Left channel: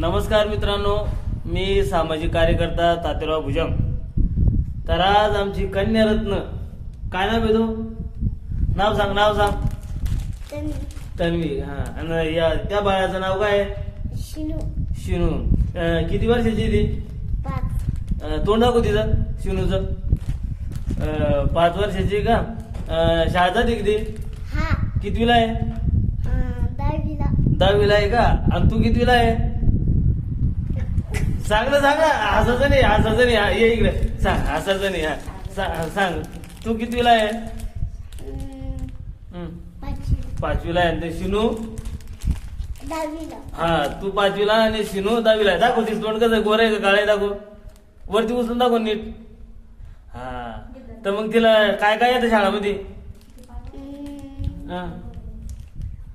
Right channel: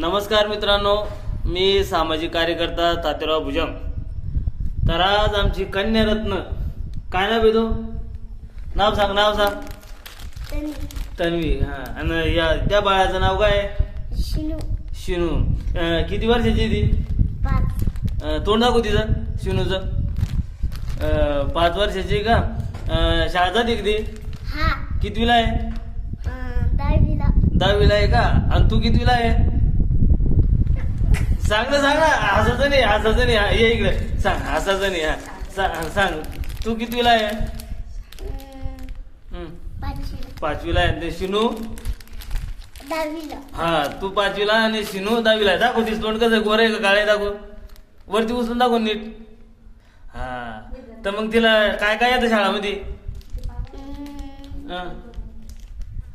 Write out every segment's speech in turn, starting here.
नमस्कार मित्रांनो, मी सामाजिक कार्यकर्ता तात्याराव भुजंग. तर आज आमची कन्यारत्न, काय नाव आहे तो? नाव सांग. तन्वी. हा. आणि त्या बाळाचं नाव काय आहे? शिनू. किती वर्षाची ती? 5. तोंड दाखव तिचं, शिनूचं. 5 वर्षाची का? शाळा जाते किती? हा. कितवीला आहे? 10वीला. 10वीला आहे का? आणि तू कितवीला आहे? सांग ना. हसायचं नाही. ये इकडे सांग. हसायचं नाही. सांग तू कितवीला आहे? 5वीला आहे. आणि शिनू 10वीला. हा, तू 5वीला आणि शिनू 10वीला आहे. दाखव तीच तोंड कसं, गोर आहे का काळे? दाखव वरती उचलून दाखव नीट. हा, तर मग तिला काय काय येतं शाळामध्ये? हा,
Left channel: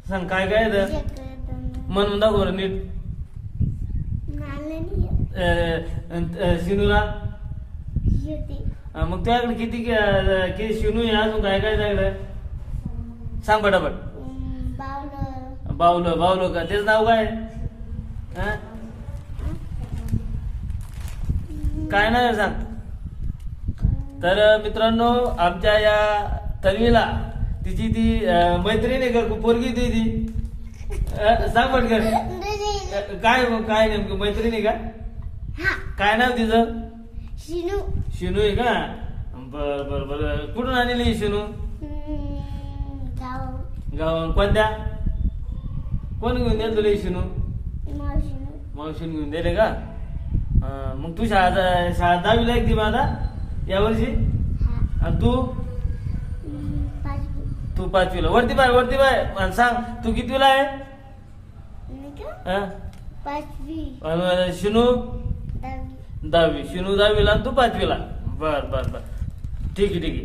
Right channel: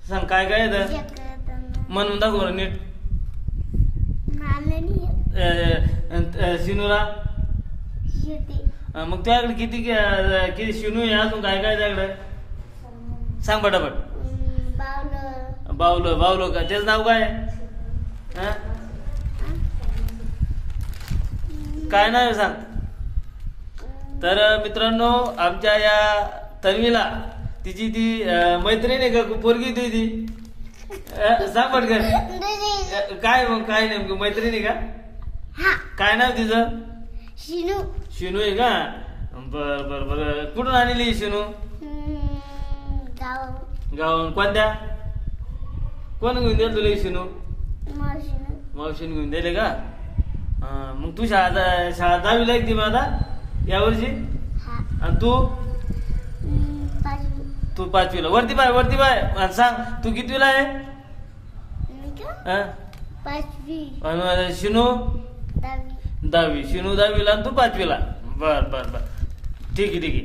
सांग काय काय येतं? म्हणून दाखव बरं नीट. शिनूला मग तुझ्याकडे किती किती शिनू आहे? अजून काय काय त्याकडे सांग पटापट. बावलं का? तेच नाव काय? काय नाव आहे सांग. तर मित्रांनो, आमच्या या तन्वीला तिची ती मैत्रीण आहे का, पोरगी ती सांग पटकन. काय नेमकं मैत्रिणी का? काय नाव तिचं? शिनू आहे का? बर. कुठून आणली शिनू? गावाहून. कोणत्या? कोण घेऊन दिलं तुला शिनू? मावशीने घेऊन दिले का? मग तू शाळा 10वीला आहे ती मग आता यावर्षी? आणि तू 5वीला. वरती बाय आणि सांग तू कितवीला आहे? 5वी. शिनू 10वी. 10वी. शिनू 10वीला आणि तू 5वीला. बर. ठीक आहे.